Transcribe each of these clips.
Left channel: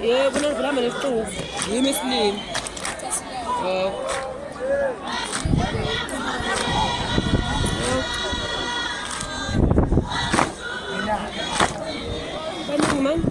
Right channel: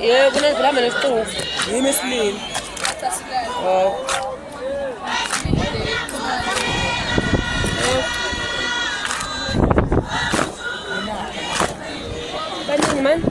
Yeah, kuna zilama nesitofu. Yimi esinini. Oh. Baning man.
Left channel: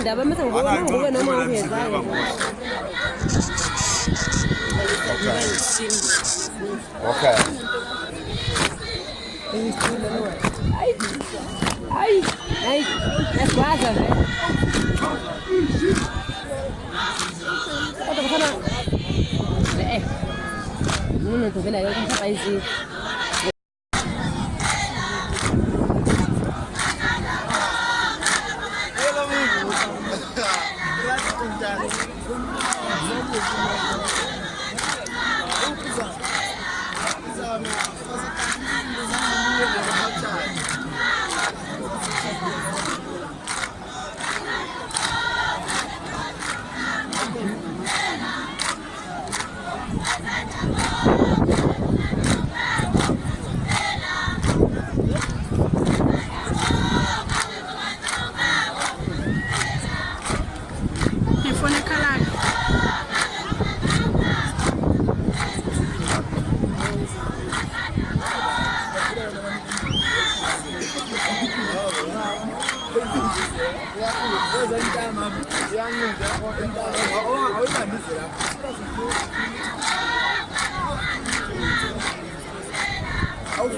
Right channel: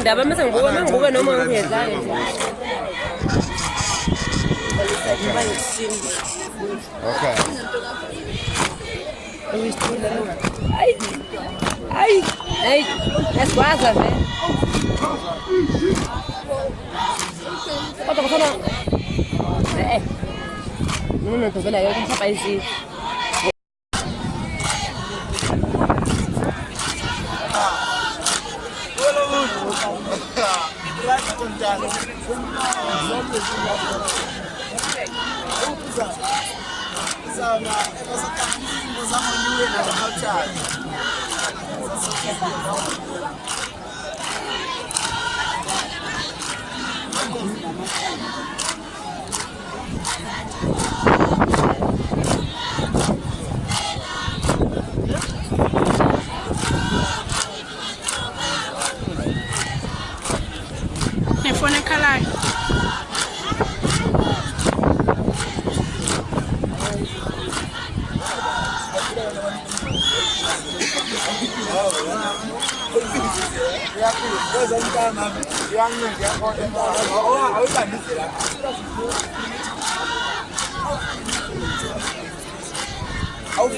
Ndaba mase ngoba ngoba noma ngiyedlala. Okay. Ai, eswaza, velho. Bota você não tô vendo aí, eu não faz isso. Phone color. Oh,